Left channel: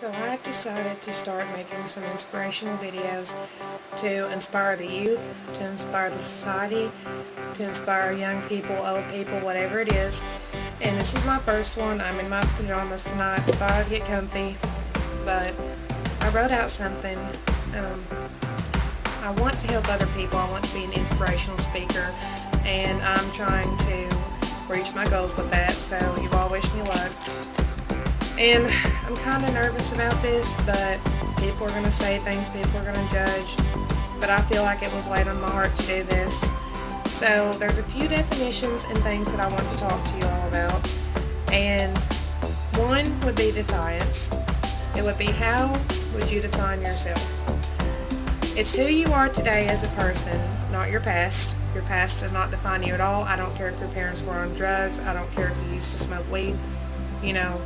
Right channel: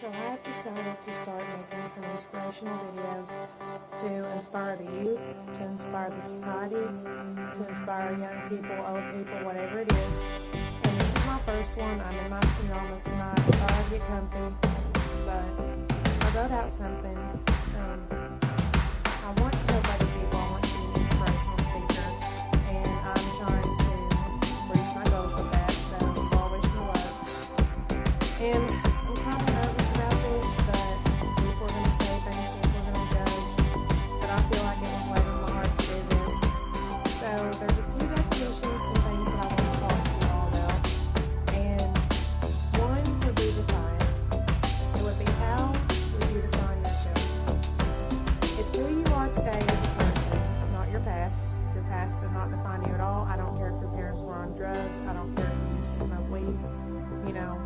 So I've decided to start making some inspirational videos to inspire the youth, to inspire the society, to inspire young people, old people, whatever it is. And this is my first one. I'm in my pajamas tonight. Thought I'd get comfy, but I wrote out something. I want to help other people. I want to be an inspirational speaker, and I'm trying to reach my goals with that. So you all wish me luck. And I'm kind of nervous about this, but people are going to say things, people are going to judge, but I feel like it was laid on my heart to do this. So there's a few definitions and things that I want to talk to you all about. And one would be defiance. It would be, how would you define yourself? It's who you are today as a person, not your past. Your past does not define you at all. I don't care if your parents were on drugs. I don't care if you used to smoke weed. You know,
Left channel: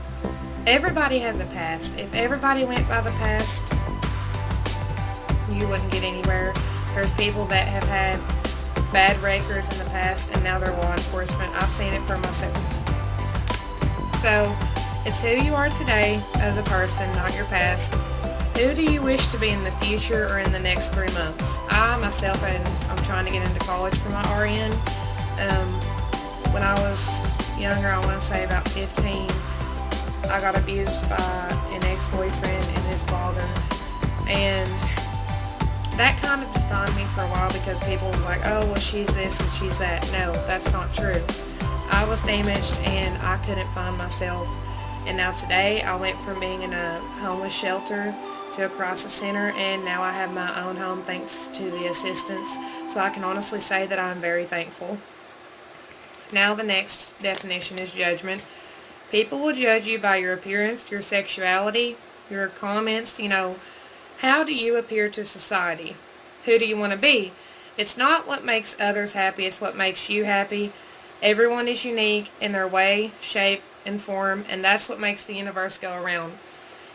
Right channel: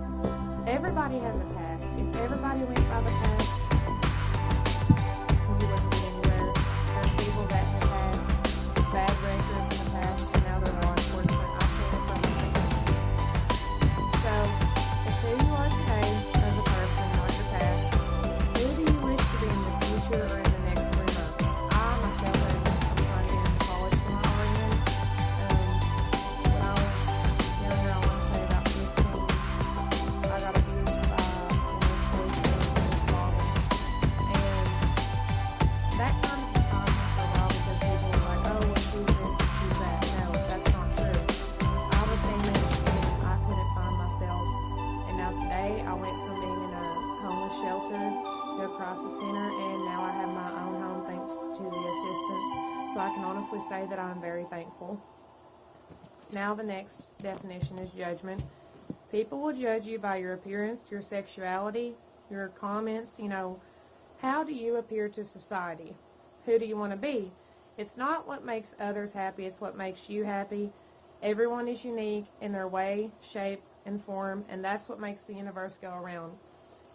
everybody has a past. If everybody went by the past, you wouldn't get anywhere. There's people that have had bad records in the past and now they're law enforcement. I've seen it for myself. So, it's who you are today as a person, not your past. Who do you wish to be in the future or in the next 3 months? I, myself, I'm trying to get into college for my RN. When I was younger, I want to say about 15, I got abused by an ex-boyfriend and his father. And that kind of defined me for a while because people were like, oh, well, she's this and she's that. No, that's not true. I was damaged and I couldn't find myself. And now today, I went from being in a homeless shelter to a crisis center, and now I have my own home thanks to the assistance. So I can honestly say that I'm very thankful. Now the next definition is judgment. People will judge you by your appearance, your sexuality, your comments, how do you appear to society? Who do you want to be? It's not what makes others happy, it's what makes you happy. Everyone is unique in their way, shape, and form, and that's what makes the universe go around.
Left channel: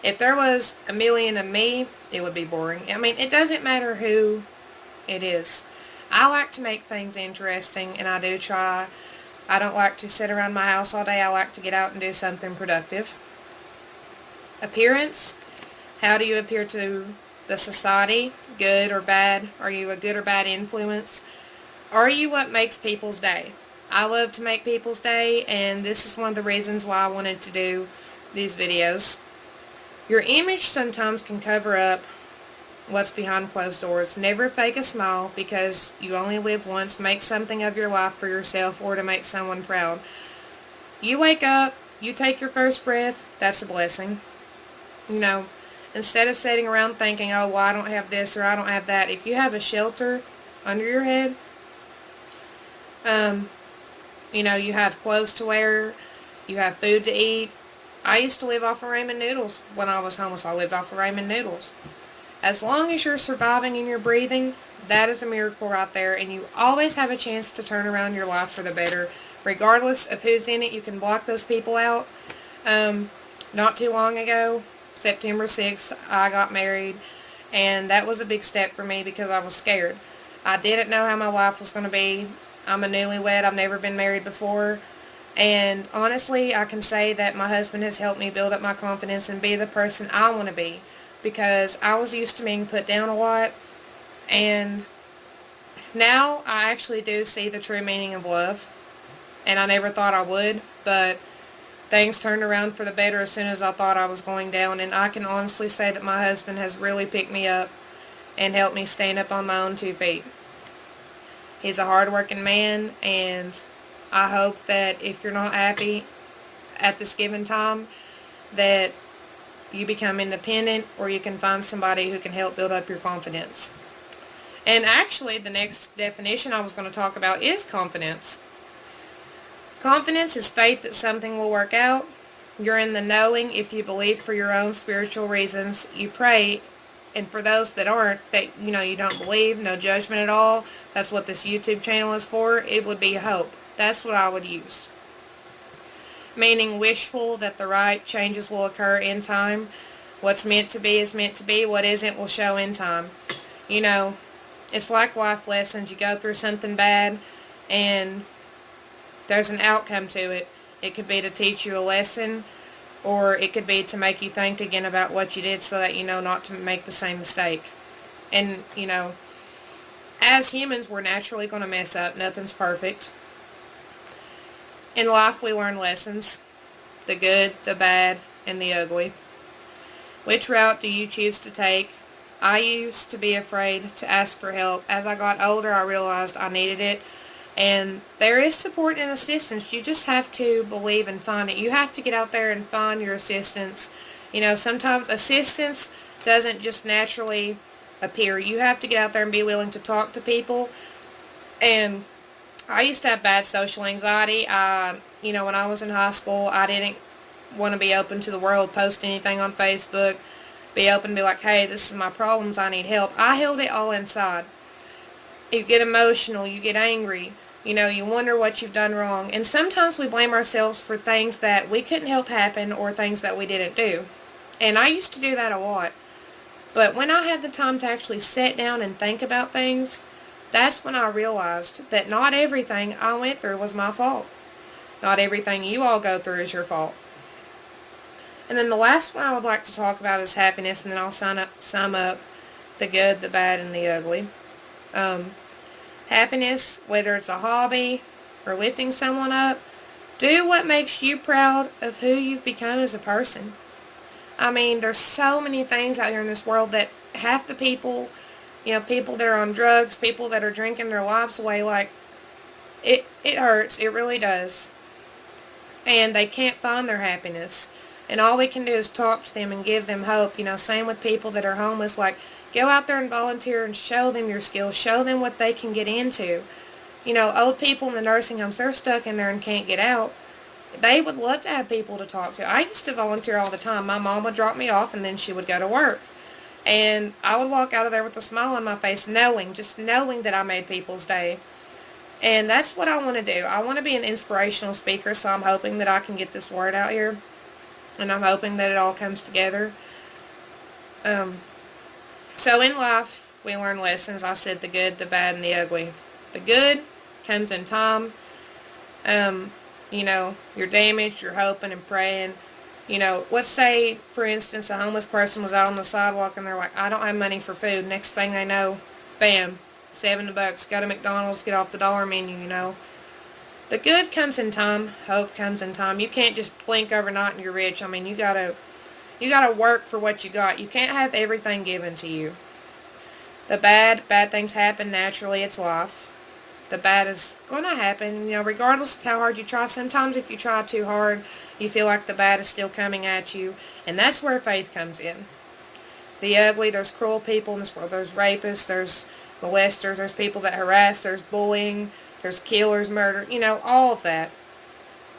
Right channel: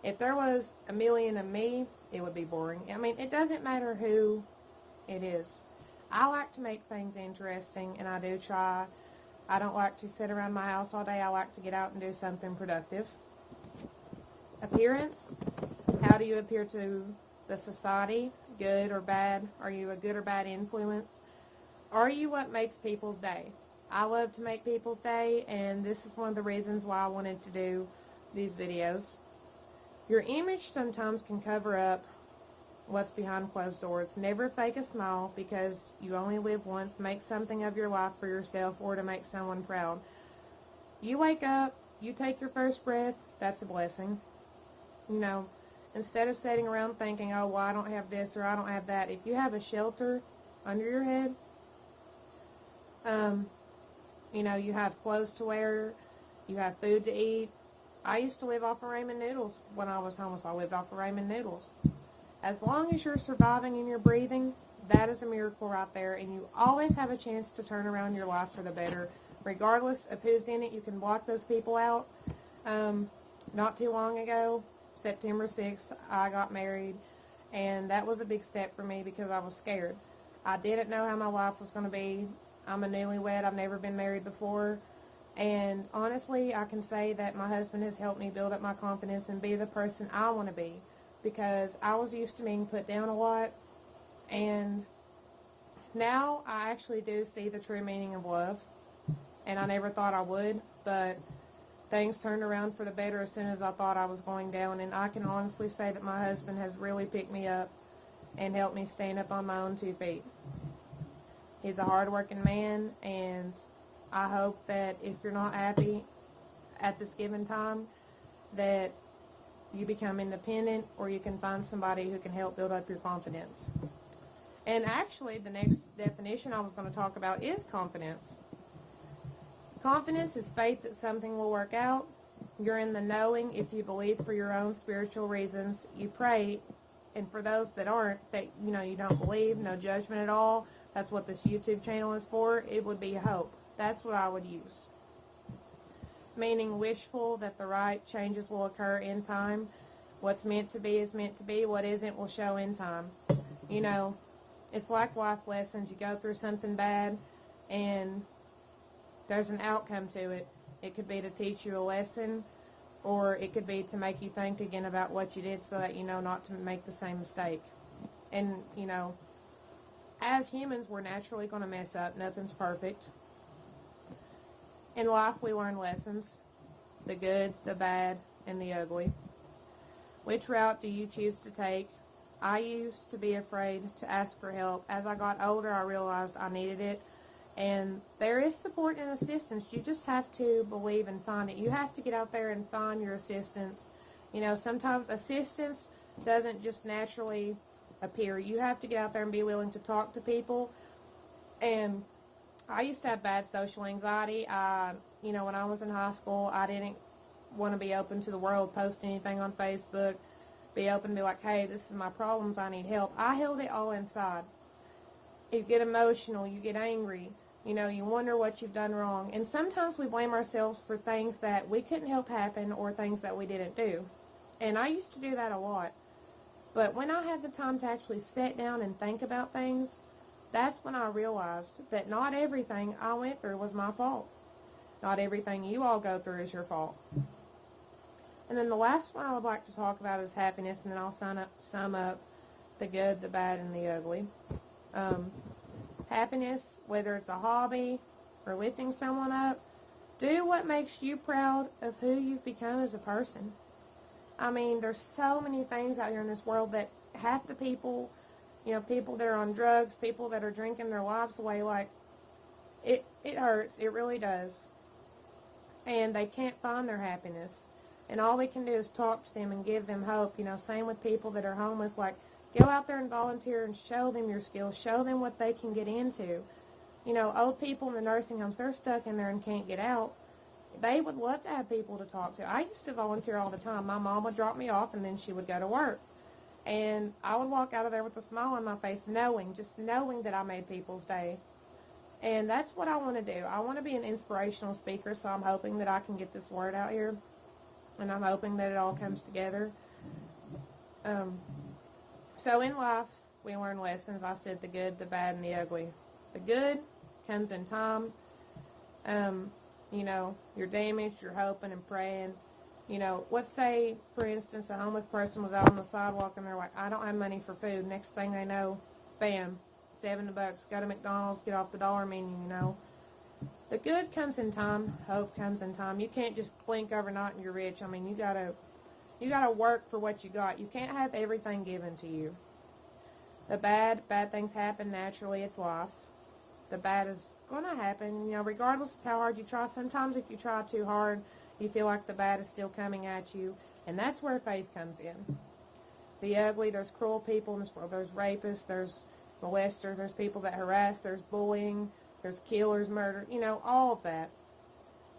If there was a million of me, it would be boring. I mean, it doesn't matter who it is. I like to make things interesting, and I do try. I don't like to sit around my house all day. I like to get out and do something productive. Appearance. How do you appear to the society? Good or bad? Are you a good or bad influence? Are you what makes people's day? I love to make people's day, and this is one of the reasons why I wanted to do these videos. Your image sometimes can cover up what's behind closed doors. Never fake a smile because you only live once. Make something of your life for yourself or to make someone proud. You wake up, you take your first breath, that's a blessing. Instead of sitting around thinking, oh, well, I don't have this or I don't have that. If you have a shelter under your head, you have clothes to wear, you have food to eat. I used to live off of ramen noodles when I was homeless. I lived off of ramen noodles. As long as you're surviving and you're breathing, that is a miracle right there, and you always have a chance to turn around your life for the better. Regardless of who's in it, you can block those people out. Not too long ago, September 6th, I got married, and that was a big step for me because I was scared. I didn't know how my life was going to be. I'm a newlywed. I've never been married before. And honestly, I can say that my husband has helped me build up my confidence and be the person I want to be. Because I was used to being put down a lot. And now I actually do see the true meaning of love. And I never thought I would. But things turned around for the better as soon as I thought I was going down. And I can honestly say that my husband has really picked me up and helped me stand up on my own 2 feet. He's a hard-working man, and I hope that if you're not happy at this given time, that you become independent or you can find somebody who can help build up your confidence. And actually, the next definition I was going to talk about is confidence. Confidence is faith that something will work out. You're in the knowing if you believe for your own spiritual reasons. You pray. And for those that aren't, that you don't believe, no judgment at all, that's what this YouTube channel is for, it would be hope. That's what I would use. Meaning wishful that the right changes will occur in time. What's meant to be is meant to be. What isn't will show in time. It's like life lessons. You go through something bad and there's an outcome to it. It could be to teach you a lesson or it could be to make you think again about what you did so that you know not to make the same mistake. And, you know, as humans, we're naturally going to mess up. Nothing's perfect. In life, we learn lessons. The good, the bad, and the ugly. Which route do you choose to take? I used to be afraid to ask for help. As I got older, I realized I needed it. And there is support and assistance. You just have to believe and find it. You have to get out there and find your assistance. You know, sometimes assistance doesn't just naturally appear. You have to get out there and be willing to talk to people. And I used to have bad social anxiety. You know, when I was in high school, I didn't want to be open to the world, post anything on Facebook, be open to be like, hey, this is my problems, I need help. I held it all inside. You get emotional, you get angry, you know, you wonder what you've done wrong. And sometimes we blame ourselves for things that we couldn't help happen or things that we didn't do. And I used to do that a lot. But when I had the time to actually sit down and think about things, that's when I realized that not everything I went through was my fault. Not everything you all go through is your fault. And then the last one I would like to talk about is happiness, and then I'll sum up the good, the bad, and the ugly. Happiness, whether it's a hobby or lifting someone up, do what makes you proud of who you've become as a person. I mean, there's so many things out here in this world that half the people, you know, people that are on drugs, people that are drinking their lives away, like, it hurts. It really does. And they can't find their happiness. And all we can do is talk to them and give them hope. You know, same with people that are homeless. Like, go out there and volunteer and show them your skills. Show them what they can get into. You know, old people in the nursing homes, they're stuck in there and can't get out. They would love to have people to talk to. I used to volunteer all the time. My mom would drop me off and then she would go to work. And I would walk out of there with a smile on my face, just knowing that I made people's day. And that's what I want to do. I want to be an inspirational speaker, so I'm hoping that I can get this word out here. And I'm hoping that it all comes together. So in life, we learn lessons. I said the good, the bad, and the ugly. The good comes in time. You know, you're damaged, you're hoping and praying. You know, let's say, for instance, a homeless person was out on the sidewalk and they're like, I don't have money for food. Next thing they know, bam, $7, go to McDonald's, get off the dollar menu, you know. The good comes in time. Hope comes in time. You can't just blink overnight and you're rich. I mean, you gotta work for what you got. You can't have everything given to you. The bad things happen naturally. It's life. The bad is going to happen, you know, regardless of how hard you try. Sometimes if you try too hard, you feel like the bad is still coming at you. And that's where faith comes in. The ugly, there's cruel people in this world. There's rapists, there's molesters, there's people that harass, there's bullying, there's killers, murder, you know, all of that.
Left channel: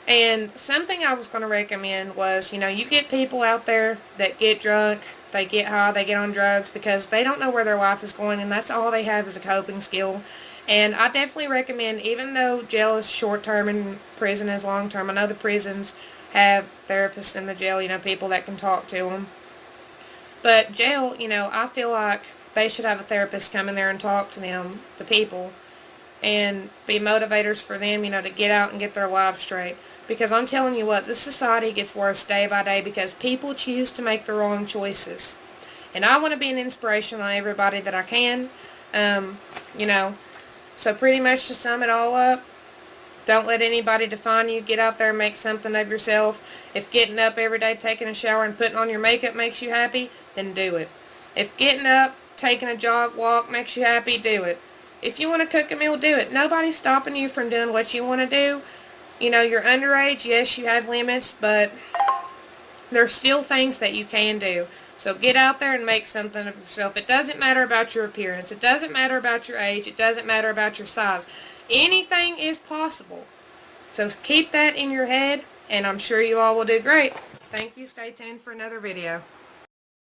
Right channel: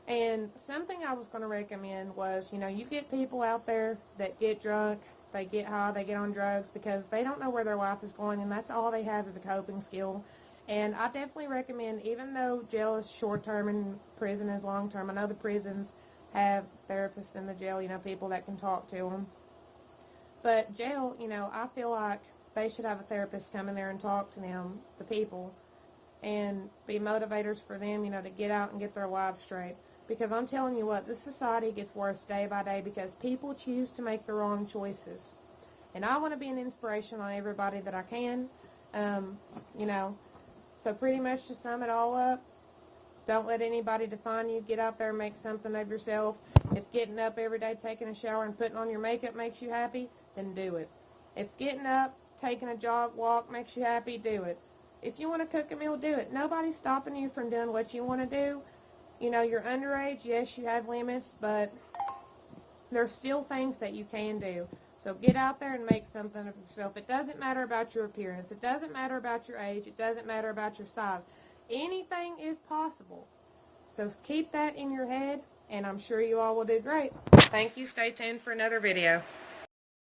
And something I was going to recommend was, you know, you get people out there that get drunk, they get high, they get on drugs because they don't know where their life is going, and that's all they have is a coping skill. And I definitely recommend, even though jail is short-term and prison is long-term, I know the prisons have therapists in the jail, you know, people that can talk to them. But jail, you know, I feel like they should have a therapist come in there and talk to them, the people, and be motivators for them, you know, to get out and get their lives straight. Because I'm telling you what, this society gets worse day by day because people choose to make the wrong choices. And I want to be an inspiration on everybody that I can, you know. So pretty much to sum it all up, don't let anybody define you. Get out there and make something of yourself. If getting up every day, taking a shower, and putting on your makeup makes you happy, then do it. If getting up, taking a jog, walk makes you happy, do it. If you want to cook a meal, do it. Nobody's stopping you from doing what you want to do. You know, you're underage. Yes, you have limits, but there's still things that you can do. So get out there and make something of yourself. It doesn't matter about your appearance. It doesn't matter about your age. It doesn't matter about your size. Anything is possible. So keep that in your head, and I'm sure you all will do great. Thank you. Stay tuned for another video.